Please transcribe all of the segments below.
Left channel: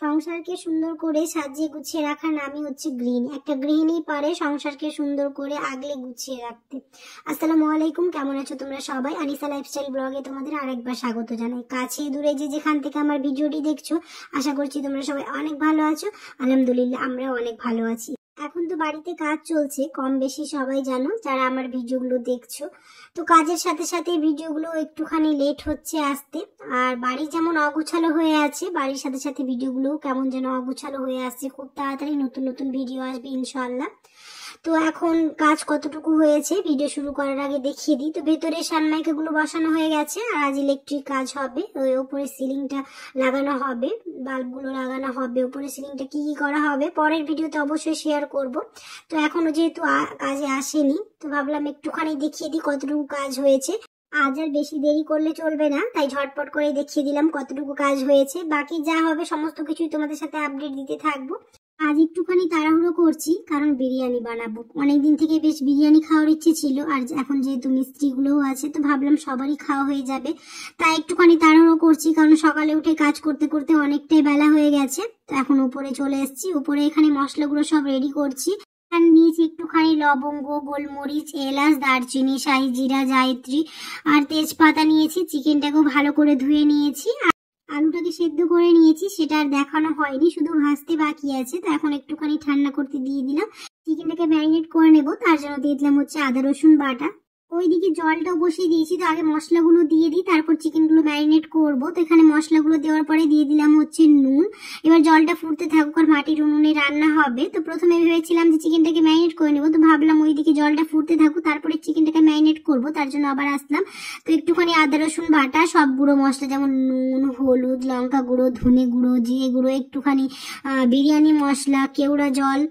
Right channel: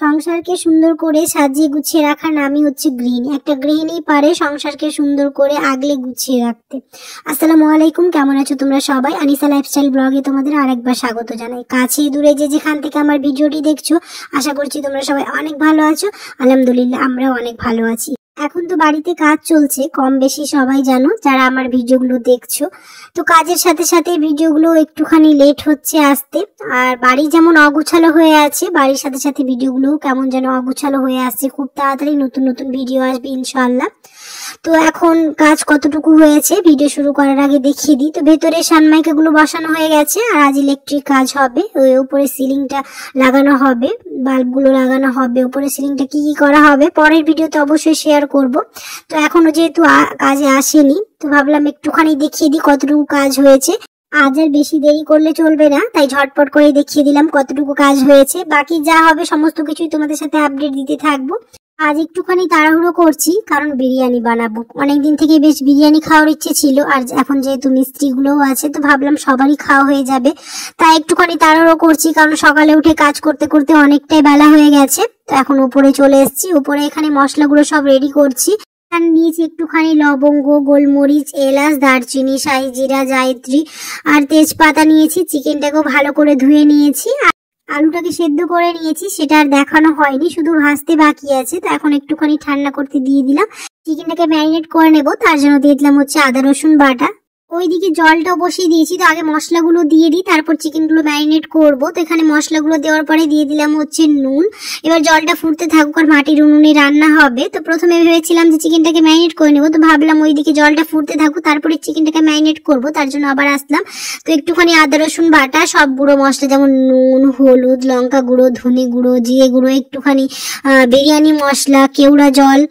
সংসারকে সুন্দর করে সাজিয়ে গুছিয়ে রাখার নামই হচ্ছে গৃহিণী। একটা গৃহিণী পারে সংসারকে সুন্দর করে আগলে গুছিয়ে রাখতে। আসসালামু আলাইকুম, কেমন আছো তোমরা সবাই? আনিসা লাইফস্টাইল ব্লগে তোমাদের আরেকবার স্বাগত জানাই। কাছে দূরে যে যেখান থেকে আমার ভিডিওটি দেখছো, আশা করছি তোমরা সবাই অনেক ভালো আছো। আলহামদুলিল্লাহ, আমরাও অনেক ভালো আছি। এখন তো বাড়িতে কাজ চলছে, কম বেশি সবাই জানো যারা আমার ভিডিওগুলো দেখছো। তো কাজের সাথে সাথে ভিডিওগুলো একটুখানি লেট হচ্ছে আসতে। আর বাড়ি যেমন অগোছালো হয়ে আছে, বাড়ির সাথে সাথে ভিডিওগুলো কেমন যেন অগোছালো হয়ে আসছে। খুব তাড়াতাড়ি নতুন নতুন ভিডিও আসবে ইনশাআল্লাহ। তো এখন কাজ কতটুকু হয়েছে ভিডিও শুরু করার আগে দেখিয়ে দিই। তো ভেতরে সানমাইকাগুলো বসানো হয়ে গেছে, আর আজ ইলেকট্রিক কাজ হবে। ওই উপরে সিলিংটা লাগানো হবে, বাল্বগুলো লাগানো হবে। উপরে সিলিংটা কি কি করা হবে পরের ভিডিওতে অবশ্যই শেয়ার করব। তো এখনো যেহেতু কাজে আসেনি, তো ভাবলাম একটুখানি দেখিয়ে দিই কতটুকু কাজ হয়েছে। আজ আর বেশি দেরি করলে চলবে না, তাই ঝটপট করে দেখিয়ে দিলাম কতটুকু কাজ হয়েছে। বাকি যা হবে সমস্ত কিছুই তোমাদের সাথে আপডেট দিতে থাকবো। আজ একটুখানি তাড়াহুড়ো করছি, কারণ বিরিয়ানি বানাবো। অনেকদিন থেকে বেশ বিরিয়ানি খাওয়ার ইচ্ছে ছিল, আর এখন যেহেতু মিস্ত্রিগুলোও আছে তো ভাবলাম সবারই খাওয়া হয়ে যাবে। তাই একটুখানি তাড়াহুড়ো করছি, কারণ সকালে উঠে কাজ করতে করতে অনেকটাই বেলা হয়ে গেছে। তো এখন উপরে চলে এসেছি, উপরে এখানে মশলাগুলো সব রেডি করছি। নিয়েছি একটুখানি লবঙ্গ, গোলমরিচ, এলাচ, দারচিনি, শাহি জিরা, জায়ত্রী আর তেজপাতা নিয়েছি। চিকেনটাকেও ভালো করে ধুয়ে নিয়েছি, আলুটাকে সেদ্ধ করে নিয়েছি। সেটা আর দেখানো হয়নি, শুধু ভাজতে বাকি আছে। তো এখন একটুখানি ঠান্ডা করতে দিয়ে দিলাম। চিকেনটাকে ম্যারিনেট করে নেবো, তার জন্য দিয়ে দিলাম হচ্ছে আদা রসুন বাটা। ওইদিকে জলটাও বসিয়ে দিয়েছি। তো আগে মশলাগুলো দিয়ে দিই, তারপর চিকেনগুলো ম্যারিনেট করব। তো এখানে মশলাগুলো দেওয়ার পরে দিয়ে দিলাম হচ্ছে নুন। এবার জলটা ফুটতে থাকুক, আর মাটির উনুনে রান্না হবে। তো প্রথমে ভেবেছিলাম যে চিকেনটাকে ম্যারিনেট করে নেবো, তো ভাবলাম ওইদিকে জলটা ফুটতে থাকুক, তারপরে চিকেনটাকে ম্যারিনেট করব। তার জন্য আবার আসলাম। তো একটুখানি আদা রসুন বাটা, সব গুঁড়ো মশলা যেমন নুন, হলুদ, লঙ্কা গুঁড়ো, ধনে গুঁড়ো, জিরে গুঁড়ো, একটুখানি বিরিয়ানি মশলা, কেওড়া জল,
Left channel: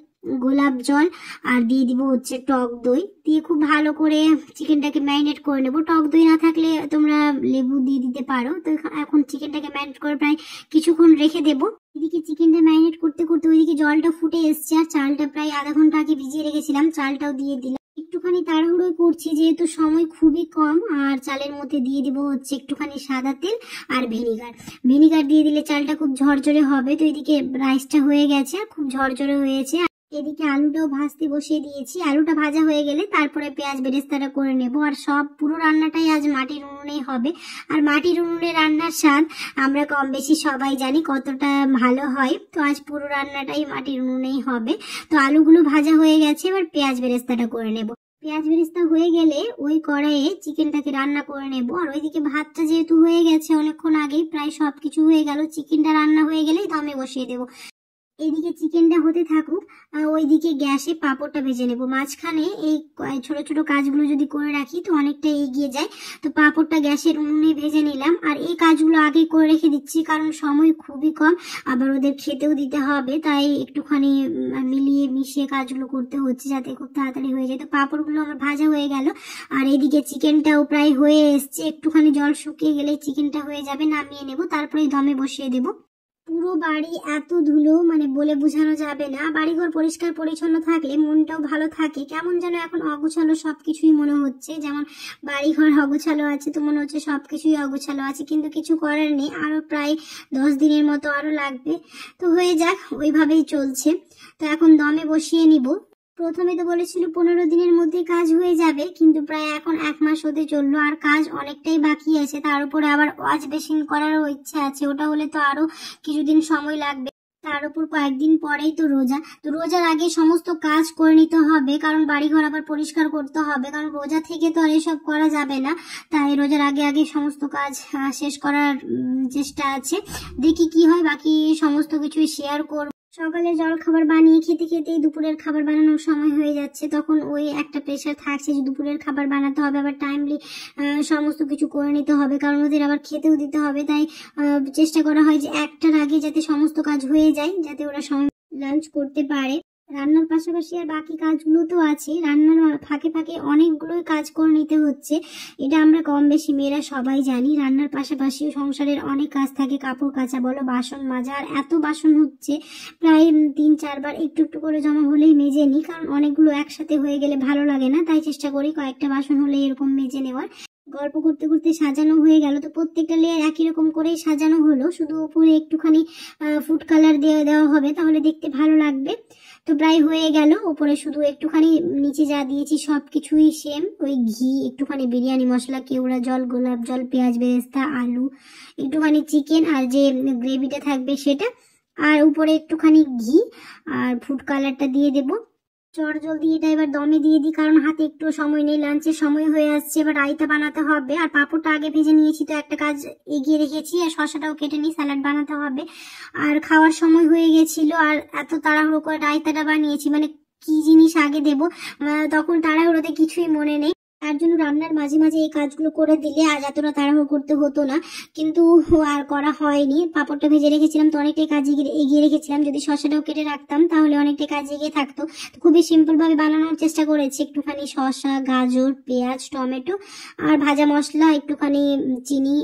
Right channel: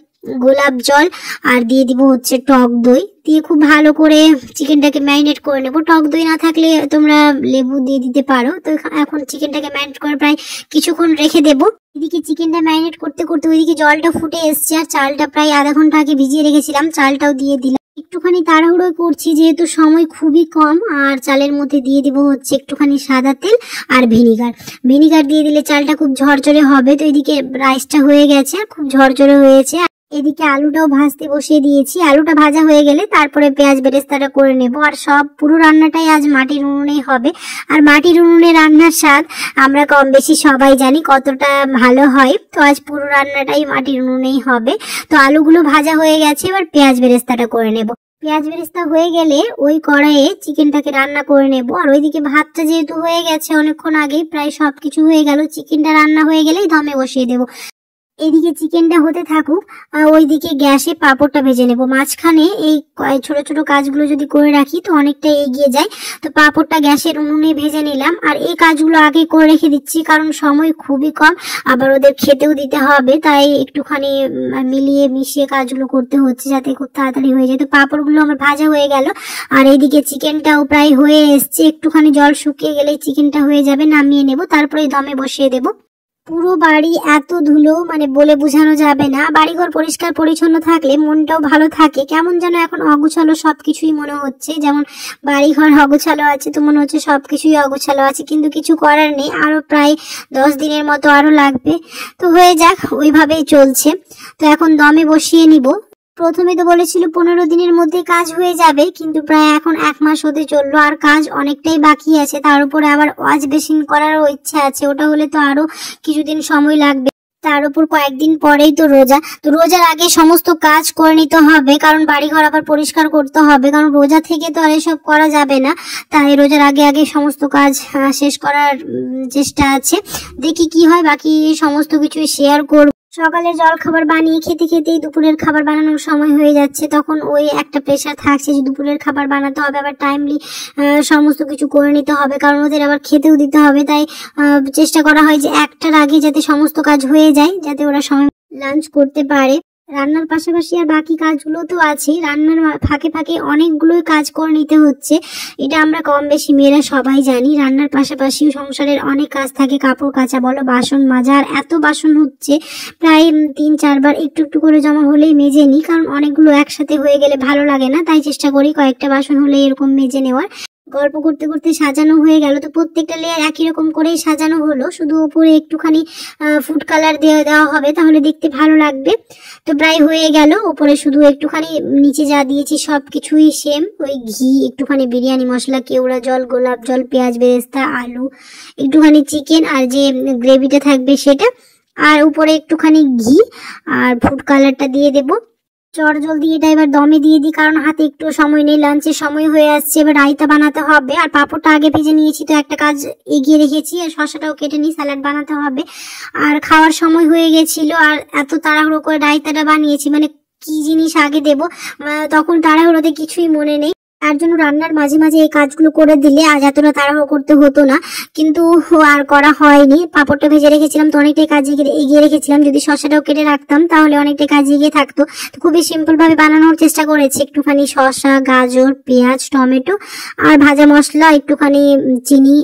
গোলাপ জল, আর দিয়ে দিব হচ্ছে টক দই দিয়ে খুব ভালো করে চিকেনটাকে ম্যারিনেট করে নেবো। টক দই না থাকলে তোমরা লেবু দিয়ে দিতে পারো। তো এখন চিকেনটাকে ম্যারিনেট করে প্রায় কিছুক্ষণ রেখে দেবো। এদিকে চিকেনটা ম্যারিনেট করতে করতে ওইদিকে জলটা ফুটে এসছে, আর চালটা প্রায় আধা ঘন্টা আগে ভিজিয়ে রেখেছিলাম, চালটাও দিয়ে দিলাম। একটুখানি তাড়াহুড়ো করছি যেহেতু সময় খুবই কম। আর চালের মধ্যে দিয়ে দেবো হচ্ছে একটুখানি সাদা তেল আর ভিনিগার দিয়ে দিলে চালটা খুব ঝরঝরে হবে। তো এদিকে রাইসটা হয়ে গেছে, আর খুব ঝরঝরে হয়েছে। এদিকে আলুটাও ভাজতে বসিয়ে দিয়েছি। আলুটা ভাজা হয়ে গেলে তারপরে পেঁয়াজ বেরেস্তাটা করে নেব। আর সব পুরো রান্নাটাই আজ মাটির উনুনেই হবে। আর মাটির উনুনে রান্নার স্বাদ আমরা কম বেশি সবাই জানি কতটা ভালো হয়। তো আজ পুরো রান্নাটাই মাটির উনুনেই হবে। তো আলুগুলো ভাজা হয়ে গেছে, এবার পেঁয়াজ বেরেস্তাটা করে নেব। পেঁয়াজ বেরেস্তা হয়ে গেলে ওই কড়াইয়ে চিকেনটাকে রান্না করে নেব। আর ওইদিকে ভাতটা যেহেতু হয়ে গেছে অনেকক্ষণ আগেই, প্রায় সবকিছু হয়ে গেল, চিকেনটা রান্না হয়ে গেলেই দমে বসিয়ে দেবো। এদিকে চিকেনটা হতে থাকুক, ওইদিকে গ্যাসে পাঁপড়টা ভেজে নেব। মাঝখানে এই ছোট ছোট কাজগুলো যদি করে রাখি তো অনেকটা এগিয়ে যায়। তো পাঁপড়টা গ্যাসের উনুনে ভেজে নিলাম। আর এই কাজগুলো আগে করে রেখে দিচ্ছি, কারণ সময় খুবই কম, আবার ওদের খেতেও দিতে হবে। তাই একটুখানি মিলিয়ে মিশিয়ে কাজগুলো করতে হচ্ছে যাতে খুব তাড়াতাড়ি হয়ে যায়। তো পাঁপড়গুলো আমার ভাজা হয়ে গেল, আর এইদিকে চিকেনটাও প্রায় হয়ে এসছে। একটুখানি জল শুকিয়ে গেলে চিকেনটা হয়ে যাবে, নামিয়ে নেব, তারপরে দমে বসিয়ে দেবো। পুরো বাড়ি এত ধুলো, মানে বলে বোঝানো যাবে না। বাড়িঘর পরিষ্কার পরিচ্ছন্ন থাকলে মনটাও ভালো থাকে। কেমন যেন এখন অগোছালো সবকিছুই মনে হচ্ছে। যেমন বাড়িঘর অগোছালো আছে, তো মনে হচ্ছে সবকিছুই অগোছালো আছে, কিন্তু কিছু করার নেই। আরো প্রায় 10 দিনের মতো আরো লাগবে। তো হয়ে যাক, ওইভাবেই চলছে। তো এখন দমে বসিয়ে নিব। প্রথমে তো বলেছিল 15 দিনের মধ্যে কাজ হয়ে যাবে, কিন্তু প্রায় এখন 1 মাস হতে চললো, আর কাজ অনেকটাই বাকি আছে। তার উপরে আবার ওয়াশ বেসিন করারও ইচ্ছা আছে, ওটা হলে তো আরো কিছুদিন সময় লাগবে। তার উপর কয়েকদিন পরেই তো রোজা। তো রোজার আগে সমস্ত কাজ করে নিতে হবে, কারণ বাড়িঘর আবার পরিষ্কার করতে হবে, কারণ রোজা থেকে তো আর এসব করা যাবে না। তাই রোজার আগে আগে সমস্ত কাজ শেষ করার চেষ্টা আছে। দেখি কি হয়, বাকি সমস্ত কিছু শেয়ার করব। সকালের জল খাবার বানিয়ে খেতে খেতেই দুপুরের খাবার বানানোর সময় হয়ে যাচ্ছে। তখন ওই একটা প্রেশার থাকছে যে দুপুরের খাবার বানাতে হবে, আবার টাইমলি সমস্ত কিছু করে নিতে হবে, কারণ ওদের আবার খেতেও দিতে হবে। তাই চেষ্টা করা হয় যে 1টার আগে যাতে সমস্ত কাজ হয়ে যায়, যাতে ওরা সময় লাঞ্চ করতে পারে। রান্নার পাশাপাশি আর বাকি কাজগুলো তো আছে, রান্নার ফাঁকে ফাঁকে অনেকগুলোই কাজ করে নিতে হচ্ছে। এটা আমরা কম বেশি মেয়েরা সবাই জানি। রান্নার পাশাপাশিও সংসারের অনেক কাজ থাকে, কাপড় কাচা বলো, বাসন মাজা। আর এত বাসন হচ্ছে প্রায় 3-4 বার একটু একটু করে জমা হলেই মেজে নিই, কারণ অনেকগুলো একসাথে হয়ে গেলে ভালো লাগে না। তাই চেষ্টা করি কয়েকটা বাসন হলে এরকম মেজে নেওয়ার। গল্প করতে করতে সাজানো হয়ে গেল। তো প্রত্যেকটা লেয়ার একই রকম করেই সাজানো হলো, শুধু উপরে একটুখানি ফুড কালার দেওয়া হবে, তাহলে দেখতে ভালো লাগবে। তো প্রায় হয়ে গেল, উপরে শুধু একটুখানি নিচে যা দিয়েছি সব কিছুই সেম, ওই ঘি, একটুখানি বিরিয়ানি মশলা, কেওড়া জল, গোলাপ জল, পেঁয়াজ বেরেস্তা, আলু, একটুখানি চিকেন আর যে গ্রেভিটা থাকবে সেটা, আর উপরে একটুখানি ঘি আর ফুড কালারটা দিয়ে দেবো। চট জলদি এটা এবার দমে দিয়ে দিই, কারণ হাতে একটু সময় নেই, লাঞ্চের সময় হয়ে আসছে। এবার রায়তা বানাতে হবে, আর পাঁপড়টা আগে ভেজে নিয়েছি, তো একটা কাজ এগিয়ে রেখেছি, আর শসাটাও কেটে নিই, স্যালাড বানাতে হবে। আর খাওয়ার সময় হয়ে গেছিল, আর এত তাড়াহুড়ো করে রায়তাটা বানিয়েছি, মানে কি জিনিস আগে দেবো তখন তাড়াহুড়োতে কিছুই মনে নেই। তার জন্য রান্নার মাঝে মাঝে এই কাজগুলো করে দিলে আজ এতটা তাড়াহুড়ো করতে হতো না, কিন্তু আর করা হয়নি। পাঁপড়টা ভেজে রেখেছিলাম, তো অনেকটাই কাজ এগিয়ে রেখেছিলাম। যদি শসাটাও কেটে রাখতাম তাহলে অনেকটাই কাজ এগিয়ে থাকতো। তো খুবই সিম্পল ভাবে বানানোর চেষ্টা করেছি, একটুখানি শসা, গাজর, পেঁয়াজ, টমেটো আর ভাজা মশলা, একটুখানি চিনি,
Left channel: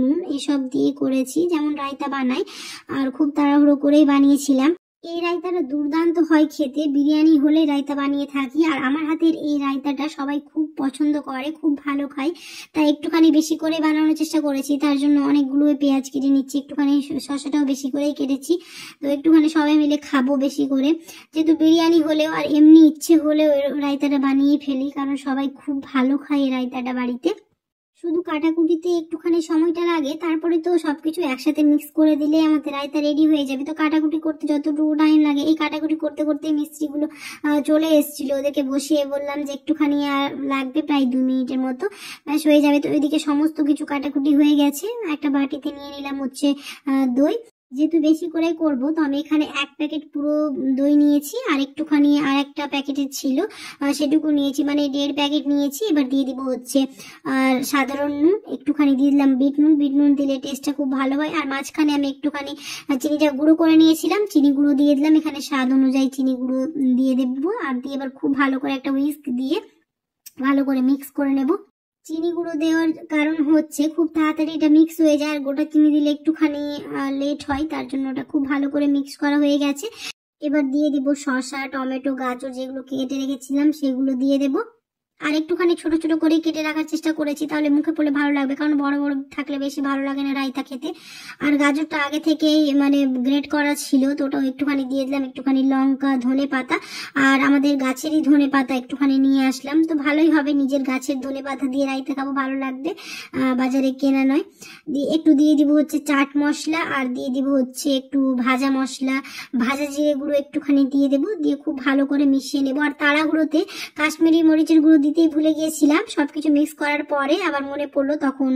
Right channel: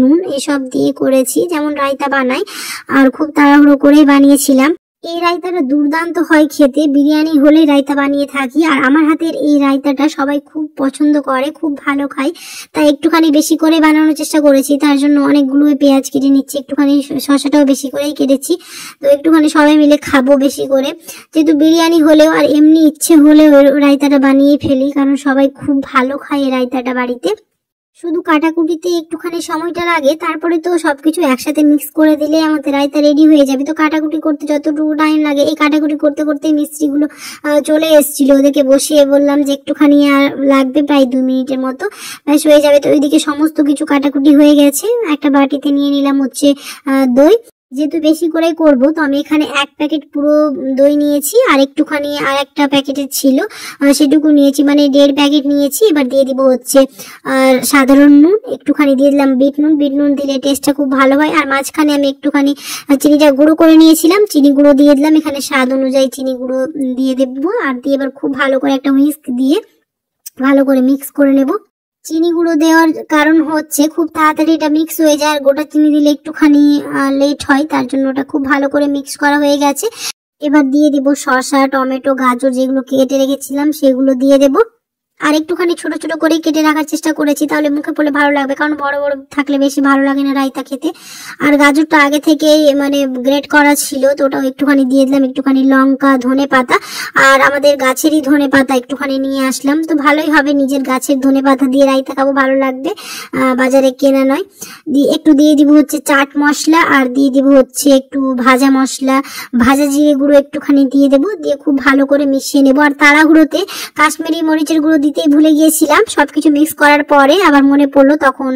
নুন এসব দিয়ে করেছি, যেমন রায়তা বানাই। আর খুব তাড়াহুড়ো করেই বানিয়েছিলাম। এই রায়তাটা দুর্দান্ত হয় খেতে, বিরিয়ানি হলে রায়তা বানিয়ে থাকি, আর আমার হাতের এই রায়তাটা সবাই খুব পছন্দ করে, খুব ভালো খায়, তাই একটুখানি বেশি করে বানানোর চেষ্টা করেছি। তার জন্য অনেকগুলো পেঁয়াজ কেটে নিচ্ছি, একটুখানি শসাটাও বেশি করেই কেটেছি, তো একটুখানি সবাই মিলে খাবো বেশি করে। যেহেতু বিরিয়ানি হলেও আর এমনি ইচ্ছে হলেও রায়তাটা বানিয়ে ফেলি, কারণ সবাই খুব ভালো খায় এই রায়তাটা বাড়িতে। শুধু কাটাকুটিতে একটুখানি সময়টা লাগে, তারপরে তো সবকিছু একসাথে মিক্স করে দিলে আমাদের রায়তা রেডি হয়ে যাবে। তো কাটাকুটি করতে যতটুকু টাইম লাগে, এই কাটাকুটি করতে করতে মিস্ত্রিগুলো চলে এসেছিল, ওদেরকে বসিয়ে বললাম যে একটুখানি আর লাগবে, প্রায় 2 মিনিটের মতো, ব্যাস হয়ে যাবে। তো ওইদিকে সমস্ত কিছু কাটাকুটি হয়ে গেছে। একটা বাটিতে নিয়ে নিলাম হচ্ছে দই, যেহেতু বেশি করে করব, তো আমি এখানে 1 প্যাকেট পুরো দই নিয়েছি, আর একটুখানি আর একটা প্যাকেটের ছিল সেটুকু নিয়েছি, মানে 1.5 প্যাকেট নিয়েছি। এবার দিয়ে দিব হচ্ছে সাধারণ নুন, একটুখানি দিয়ে দিলাম বিট নুন, বিট নুন দিলে টেস্টটা খুব ভালো হয়। আর মাঝখানে আমি একটুখানি চিনিটা গুঁড়ো করে নিয়েছিলাম, চিনি গুঁড়ো দিয়ে দিলাম, এখানে স্বাদ অনুযায়ী চিনি গুঁড়ো দিয়ে দেবো। আর দিয়ে এবার খুব ভালো করে একটা হুইস্ক দিয়ে ভালো করে মিক্স করে নেব। চিনি গুঁড়ো দেওয়ার কারণ হচ্ছে খুব তাড়াতাড়ি এটা মিক্স হয়ে যায়, আর গোটা চিনি দিলে একটুখানি লেট হয়, তার জন্য ওটা খুব ভালো করে মিক্স করা হয়ে গেছে। এবার দিয়ে দিব শসা, টমেটো, গাজর যেগুলো কেটে রেখেছিলাম সেগুলো দিয়ে দেব। আর একটুখানি ছোট ছোট করে কেটে রাখার চেষ্টা করেছি, তাহলে মুখে পড়লে ভালো লাগবে, কারণ বড় বড় থাকলে বেশি ভালো লাগে না রায়তা খেতে। আর গাজরটা আগে থেকেই মানে গ্রেট করা ছিল, তো ওটাও একটুখানি দিয়ে দিলাম, একটুখানি লঙ্কা, ধনে পাতা, আর আমাদের গাছেরই ধনে পাতা একটুখানি নিয়ে আসলাম, তো ভালোই হবে, নিজের গাছের ধনে পাতা দিয়ে রায়তা খাবো, ভালো লাগবে, বাজারে কেনা নয়। একটু দিয়ে দিব হচ্ছে চাট মশলা, আর দিয়ে দিব হচ্ছে একটু ভাজা মশলা, ভাজা জিরে গুঁড়ো একটুখানি দিয়ে দেবো, দিয়ে খুব ভালো করে মিশিয়ে নেবো। আর তাড়াহুড়োতে কাশ্মীরি মরিচের গুঁড়ো দিতেই ভুলে গিয়েছিলাম, সবকিছু মিক্স করার পরে আবার মনে পড়লো, তখন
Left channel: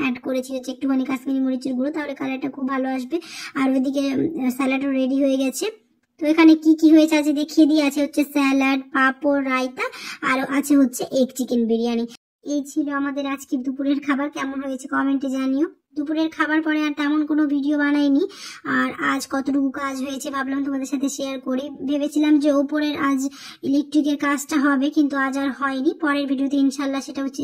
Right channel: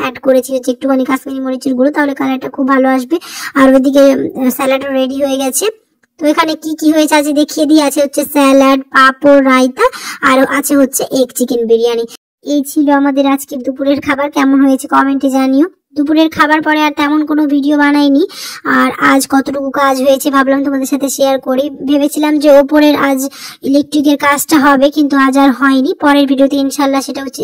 অ্যাড করেছি হচ্ছে একটুখানি কাশ্মীরি মরিচের গুঁড়ো, তাহলে কালারটা খুব ভালো আসবে। আর ওইদিকে স্যালাডও রেডি হয়ে গেছে। তো এখানে কি কি হয়েছে আজ দেখিয়ে দিয়ে, আছে হচ্ছে স্যালাড, পাঁপড়, রায়তা, আর আছে হচ্ছে এগ চিকেন বিরিয়ানি। এই ছিল আমাদের আজকের দুপুরের খাবার। কেমন হয়েছে কমেন্টে জানিও। দুপুরের খাবার পরে আর তেমন কোনো ভিডিও বানাইনি, আর আজ কতটুকু কাজ হয়েছে ভাবলাম তোমাদের সাথে শেয়ার করি। ভেবেছিলাম যে ওপরের আজ ইলেকট্রিকের কাজটা হবে, কিন্তু আজ আর হয়নি। পরের ভিডিওতে ইনশাল্লাহ সেটা হচ্ছে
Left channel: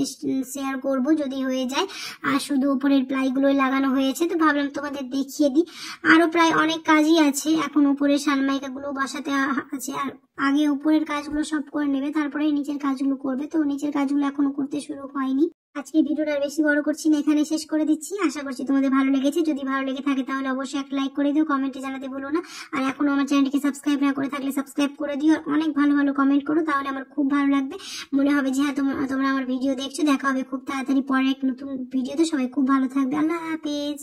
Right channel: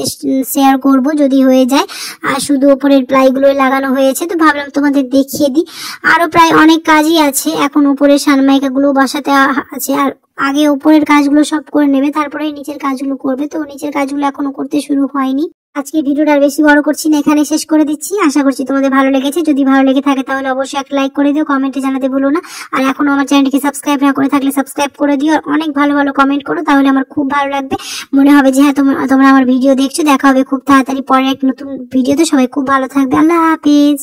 শেয়ার করব যদি হয়ে যায়। আর শুধু ওপরের প্লাইগুলোই লাগানো হয়েছে, তো ভাবলাম তোমাদের দেখিয়ে দিই। আরো প্রায় অনেক কাজই আছে, এখন উপরের সানমাইকাগুলো বসাতে আছে, আর আগে ওপরের কাজগুলো সব করে নেবে, তারপরে নিচের কাজগুলো করবে। তো নিচের কাজগুলো এখনো করতে শুরু হয়নি। আজকে ভিডিওটা আর বেশি বড় করছি না, এখানে শেষ করে দিচ্ছি। আশা করছি তোমাদের ভালো লেগেছে। যদি ভালো লেগে থাকে তাহলে অবশ্যই একটা লাইক করে দিও, কমেন্টে জানাতে ভুলো না। আর এখনো আমার চ্যানেলটিকে সাবস্ক্রাইব না করে থাকলে সাবস্ক্রাইব করে দিও, আর অনেক ভালো ভালো কমেন্ট করো, তাহলে আমার খুব ভালো লাগবে। মনে হবে যে হ্যাঁ তোমরা আমার ভিডিও দেখছো। দেখা হবে খুব তাড়াতাড়ি পরে এক নতুন ভিডিওতে। সবাই খুব ভালো থাকবে। আল্লাহ হাফেজ।